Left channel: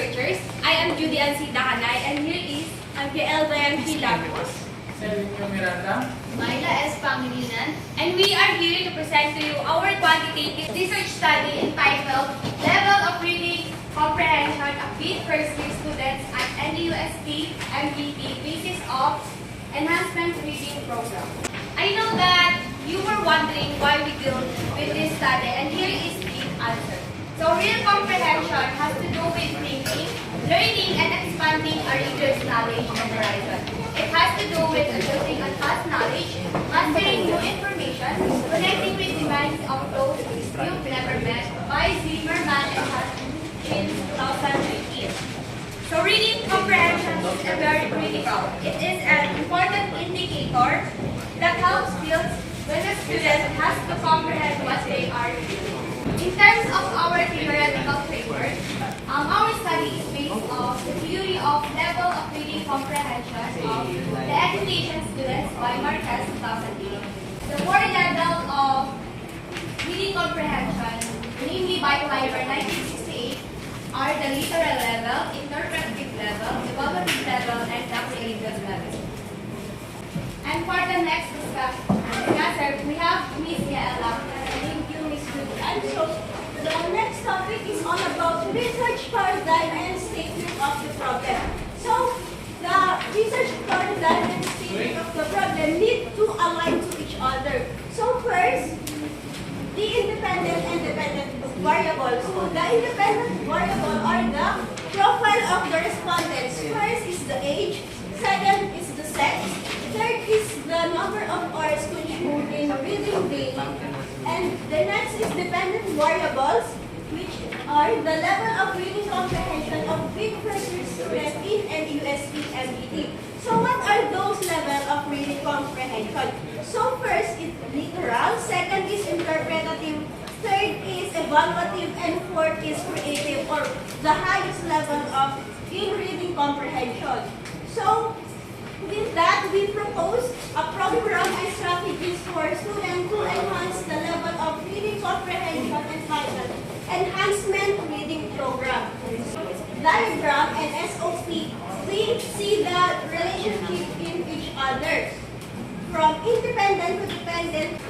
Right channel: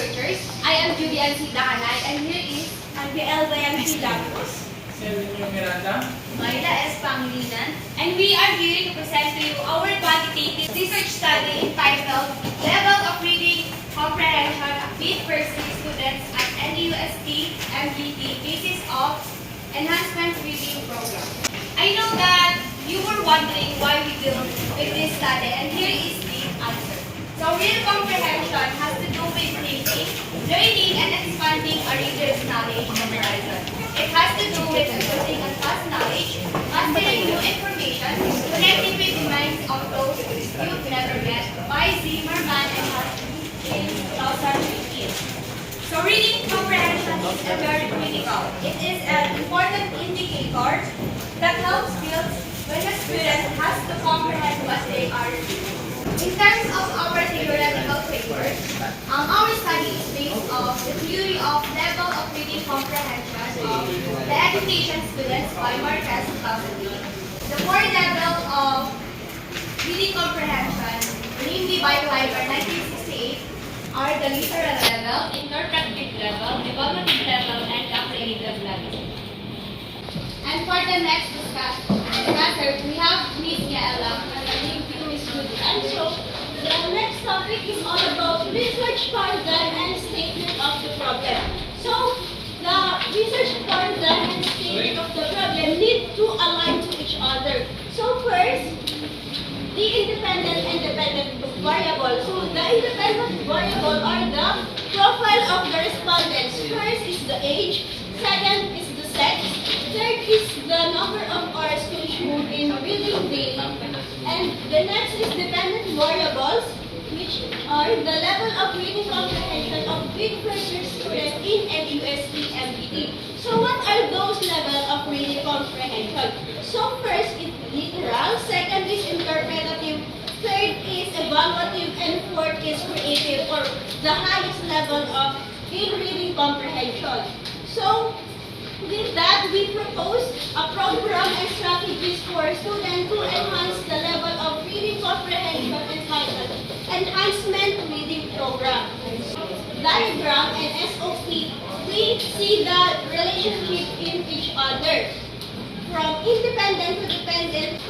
researchers. I am Julian C. Dahanay, and here is Angel Dayan C. Lagos, Miranda, Myla S. Pangilinan, and we are here to present to you our quantitative research study entitled Level of Reading Comprehension of Mid First Year Students at NUST MGT Basis of Enhancement Reading Program. I know that you were wondering why we deal with this study, and here is the answer. So real comprehension has to do with thinking, learning, and expanding a reader's knowledge and horizon. It has to do with building and past knowledge, mastering new information, connecting with the minds of those you've never met by Zimmerman and Hutton in 2015. So reading comprehension is a very critical. It is an important indicator that helps build when a student has to comprehend what they are reading. In terms of our theoretical framework, our study is based on the theory of level of reading comprehension of the education students by Marquez 2008. The four levels of reading comprehension, namely by Weiber 1968, are the literal level, interpretive level, evaluative level, and apprehensive level. And for the next discussion, we have Ms. Yaela, and I thank you, Ms. Judy. And so, the next topic is all about research paradigm and statement of the problem. So, the research paradigm and statement of the problem need to align to each other. So first, the independent and dependent variable. So, the independent variable are the profile of the respondents. First is the age, second is the sex, third is the number of hours consumed in reading daily, and the next is dependent variables, which are the level of reading comprehension of big first year students in NUST MGT. So what are those levels of reading comprehension? So first is literal, second is interpretative, third is evaluative, and fourth is creative, or the highest level of in reading comprehension. So with that, we propose a program and strategies for students to enhance the level of reading comprehension entitled Enhancement Reading Program. Diagram and SOP, we see the relationship in each other. From independent to dependent,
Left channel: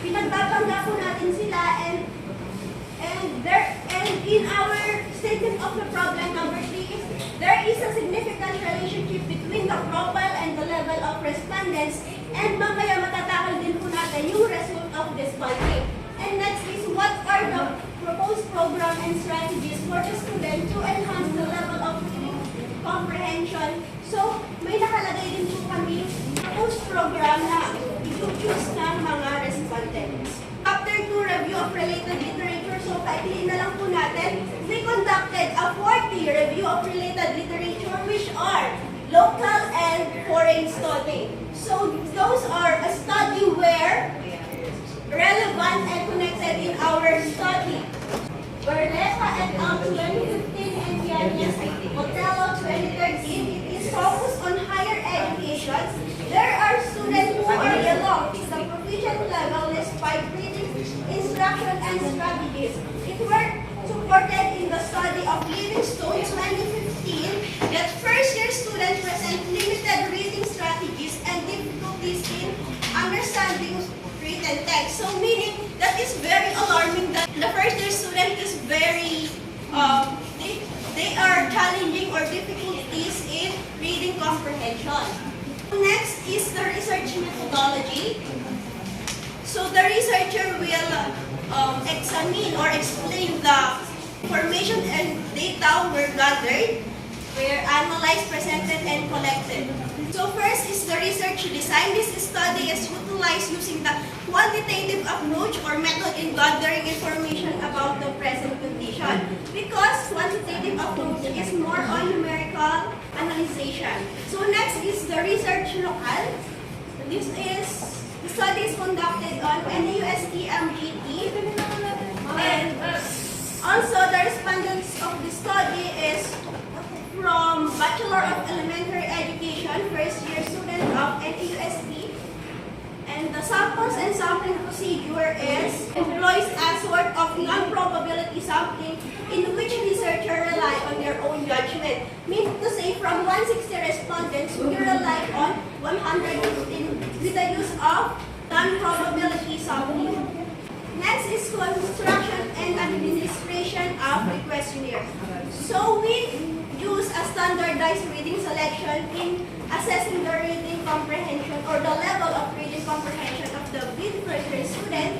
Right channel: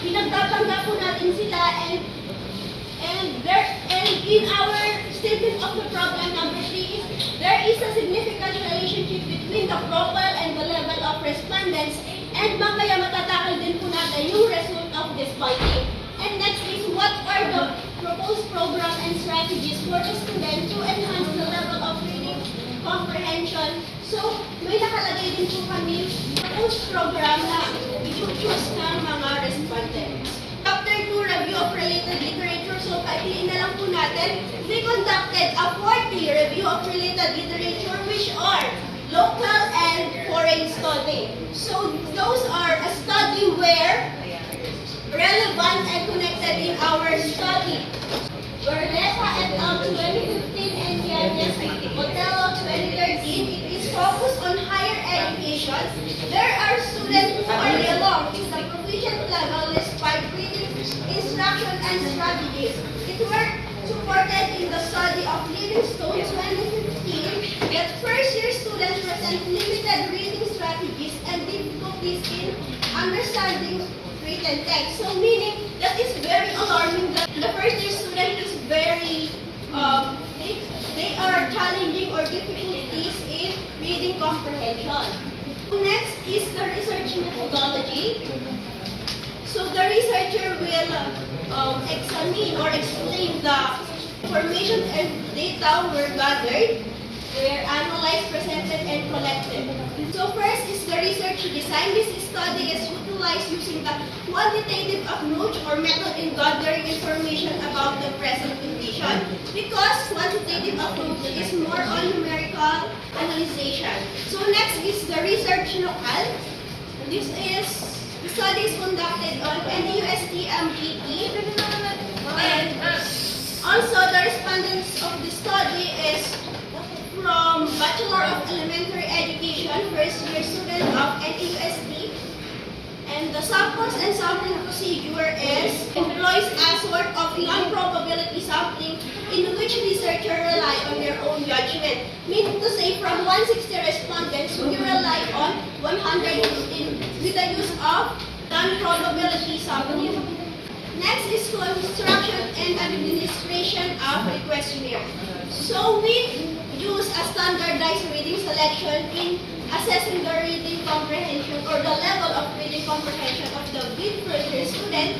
pinagtatangga po natin sila, and in our statement of the problem number 3, there is a significant relationship between the profile and the level of respondents, and mamaya matatakal din po natin yung result of this finding. And next is what are the proposed program and strategies for the student to enhance the level of reading comprehension. So, may nakalagay din po kami proposed program na i-choose ng mga respondents. Chapter 2, Review of Related Literature. So, paikliin na lang po natin. We conducted a 40 review of related literature, which are local and foreign study. So, those are a study where relevant and connected in our study. Berlesa et al. 2015 and Yanes Botello 2013, it is focused on higher education. There are students who are along with the proficient level despite reading instruction and strategies. It were supported in the study of Livingstone 2015 that first-year students present limited reading strategies and difficulties in understanding written text. So meaning that is very alarming that the first-year student is very, they are challenging or difficulties in reading comprehension. Next is the research methodology. So the researcher will examine or explain the information and data were gathered, were analyzed, presented, and collected. So first is the research design. This study is utilized using the quantitative approach or method in gathering information about the present condition, because quantitative approach is more on numerical analysis. So next is the research local. This is the study is conducted on NUST MGT, and also the respondents of the study is from Bachelor of Elementary Education, first year student of NUST, and And the samples and sampling procedure employs a sort of non-probability sampling in which researchers rely on their own judgment. Meaning to say, from 160 respondents, we rely on 115 with the use of non-probability sampling. Next is construction and administration of the questionnaire. So we use a standardized reading selection in assessing the reading comprehension or the level of reading comprehension of the bid first student.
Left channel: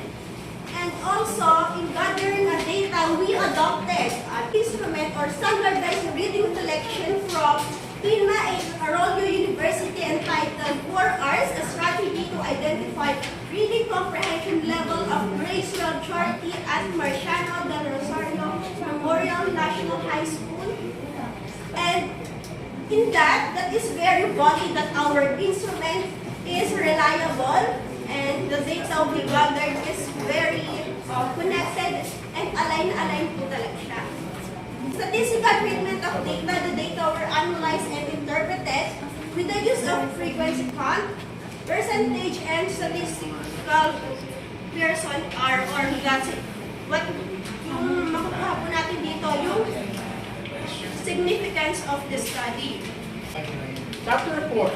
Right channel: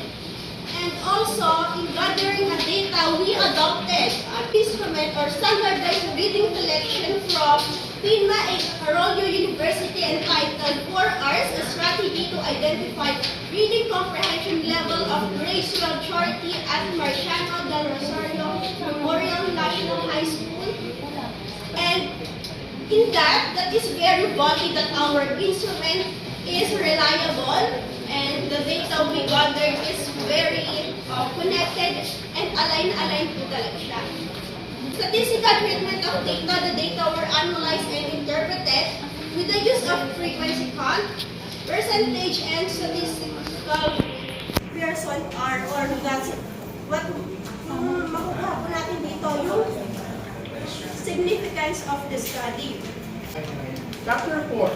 And also, in gathering the data, we adopted an instrument or standardized reading selection from PINA Arroyo University entitled 4 R's, a strategy to identify reading comprehension level of racial charity at Marciano del Rosario Memorial National High School. And in that is very body that our instrument is reliable and the data we gathered is very connected and aligned po talaga siya. Statistical treatment of data, the data were analyzed and interpreted with the use of frequency count, percentage, and statistical person are or that's what yung makukuha po natin dito yung significance of the study. Chapter 4,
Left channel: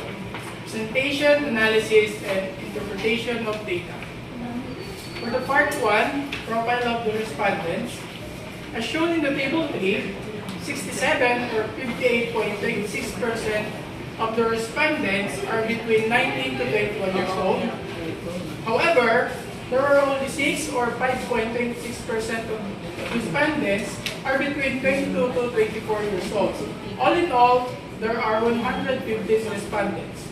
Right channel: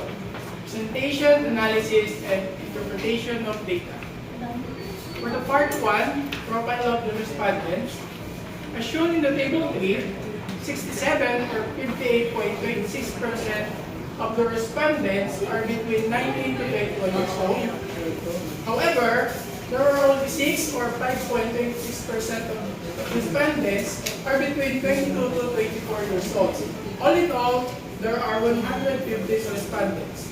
Presentation, Analysis, and Interpretation of Data. For the part 1, Profile of the Respondents, as shown in the table 3, 67 or 58.26% of the respondents are between 19 to 21 years old. However, there are only 6 or 5.26% of respondents are between 22 to 24 years old. All in all, there are 150 respondents.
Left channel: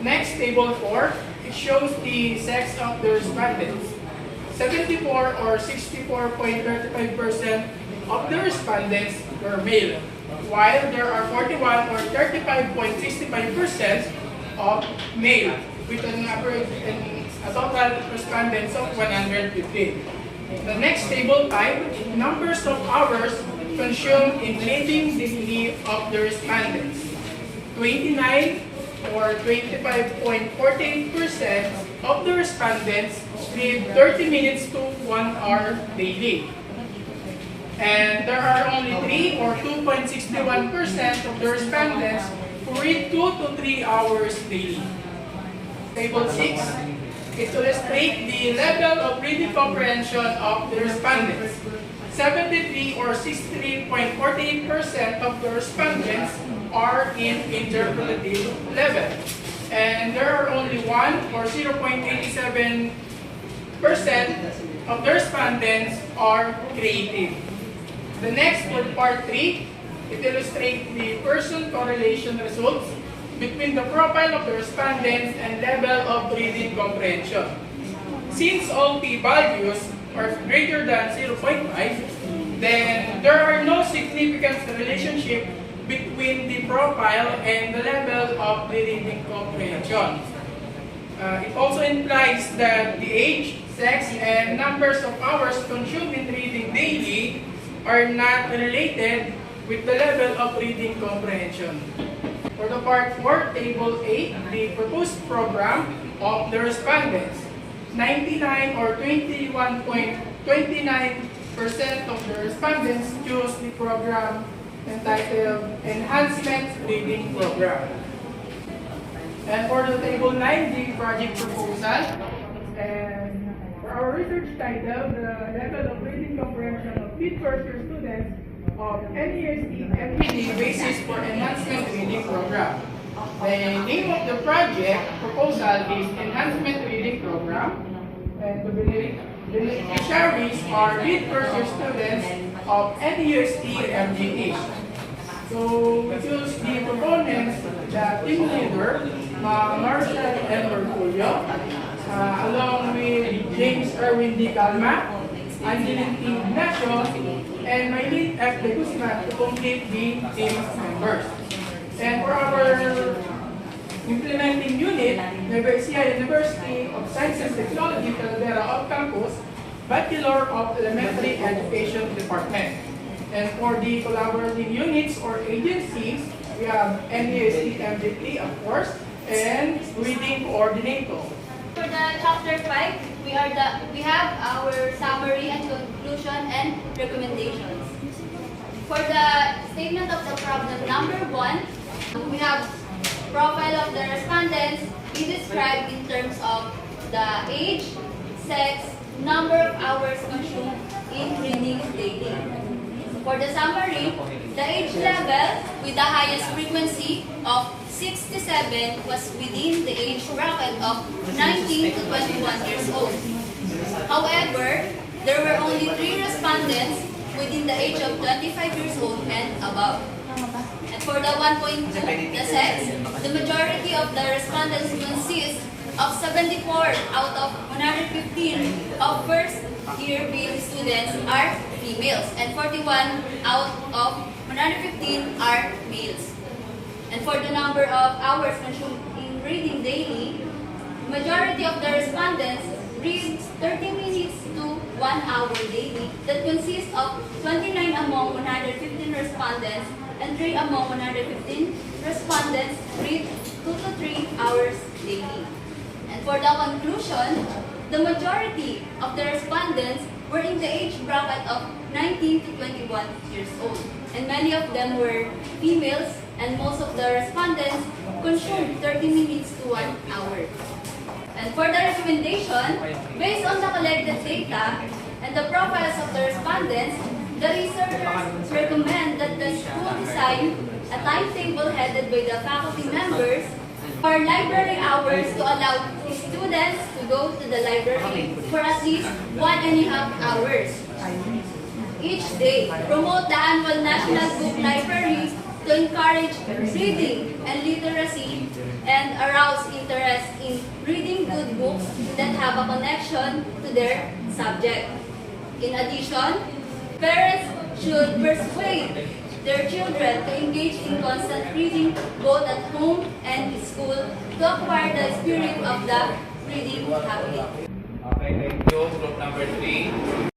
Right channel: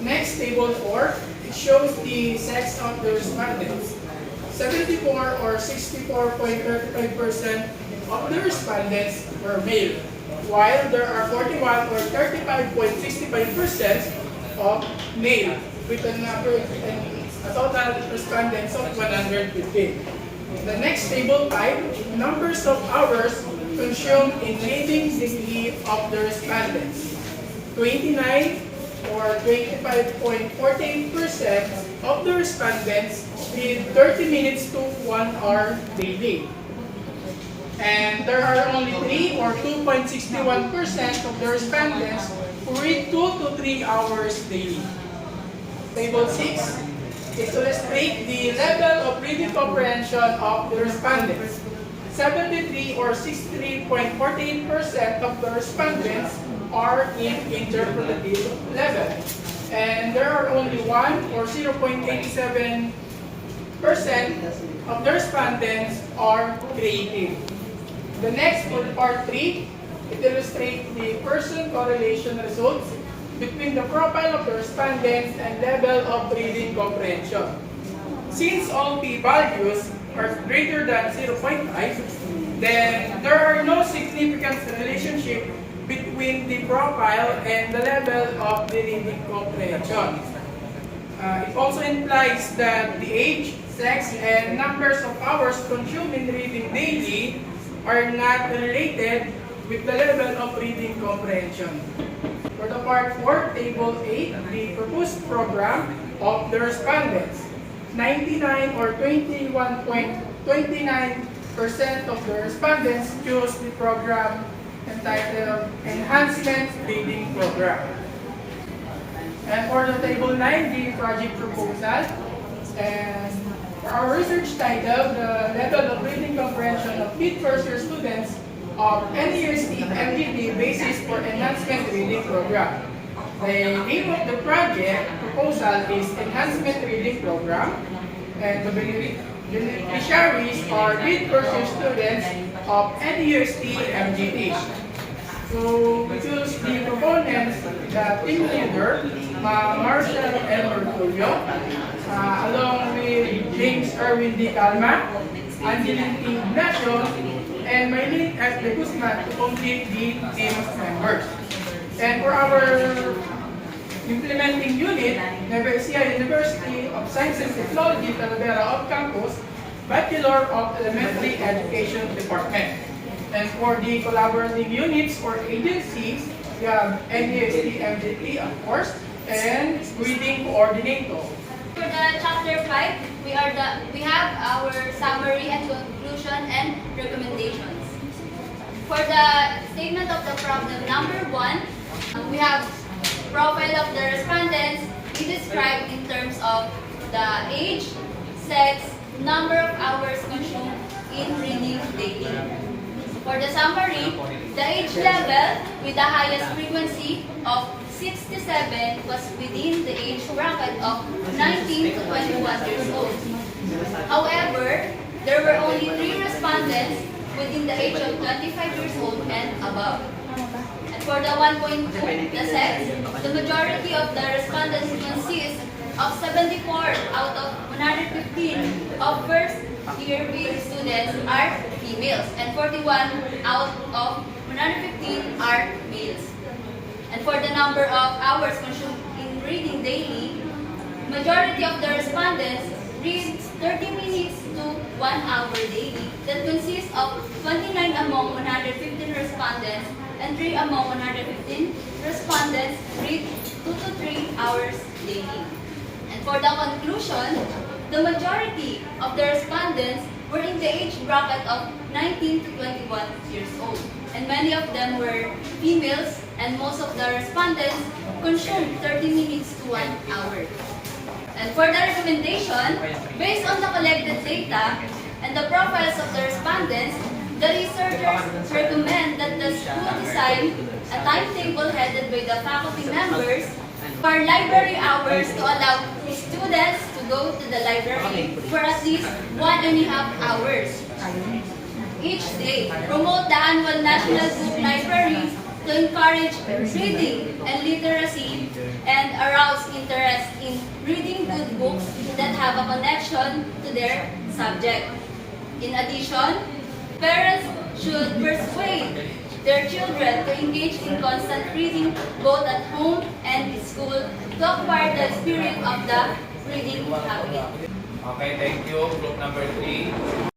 Next, table 4, it shows the sex of the respondents. 74 or 64.35% of the respondents were male, while there are 41 or 35.65% of male, with an average and a total respondents of 115. The next table 5, numbers of hours consumed in reading daily of the respondents. 29 or 25.48% of the respondents read 30 minutes to 1 hour daily. And there are only 3 or 2.61% of the respondents who read 2 to 3 hours daily. Table 6 is to illustrate the level of reading comprehension of the respondents. 73 or 63.48% of the respondents are in interpretative level. And there are only 1 or 0.87% of the respondents are creative. The next, for part 3, it illustrates the person correlation results between the profile of the respondents and level of reading comprehension. Since all p-values are greater than 0.5, then there are no significant relationship between the profile and the level of the reading comprehension. It also implies that the age, sex, and numbers of hours consumed in reading daily are not related with the level of reading comprehension. For the part 4, table 8, the proposed program of the respondents. 99 or 21.29% of the respondents chose the program entitled Enhancement Reading Program. And for the table 9, the project proposal. And for our research title, the level of reading comprehension of mid-first year students of NUST MGT Basis for Enhancement Reading Program. The name of the project proposal is Enhancement Reading Program, and the beneficiaries are mid-first year students of NUST MGT. So we choose the proponents, the team leader, Marcel L. Merculio, along with James Erwin D. Calma, Angeline T. Ignacio, and Maylene F. De Guzman to complete the team members. And for our implementing unit, Nevesia University of Science and Technology, Talavera of Campus, Bachelor of Elementary Education Department. And for the collaborative units or agencies, we have NUST MGT, of course, and Reading Coordinator. the chapter 5, we have our summary and conclusion and recommendations. For the statement of the problem number 1, we have profile of the respondents. We described in terms of the age, sex, number of hours consumed in reading daily. For the summary, the age level with the highest frequency of 67 was within the age bracket of 19 to 21 years old. However, there were only 3 respondents within the age of 25 years old and above. And for the 1.2, the sex, the majority of the respondents consist of 74 out of 115 of first-year BA students are females, and 41 out of 115 are males. And for the number of hours consumed in reading daily, majority of the respondents read 30 minutes to 1 hour daily. That consists of 29 among 115 respondents and 3 among 115 respondents read 2 to 3 hours daily. And for the conclusion, the majority of the respondents were in the age bracket of 19 to 21 years old. And many of them were females, and most of the respondents consumed 30 minutes to 1 hour. And for the recommendation, based on the collected data and the profiles of the respondents, the researchers recommend that the school design a timetable headed by the faculty members for library hours to allow students to go to the library for at least 1.5 hours each day. Promote the annual National Book Library to encourage reading and literacy and arouse interest in reading good books that have a connection to their subject. In addition, parents should persuade their children to engage in constant reading both at home and in school to acquire the spirit of the reading habit. Okay, thank you. Group number 3.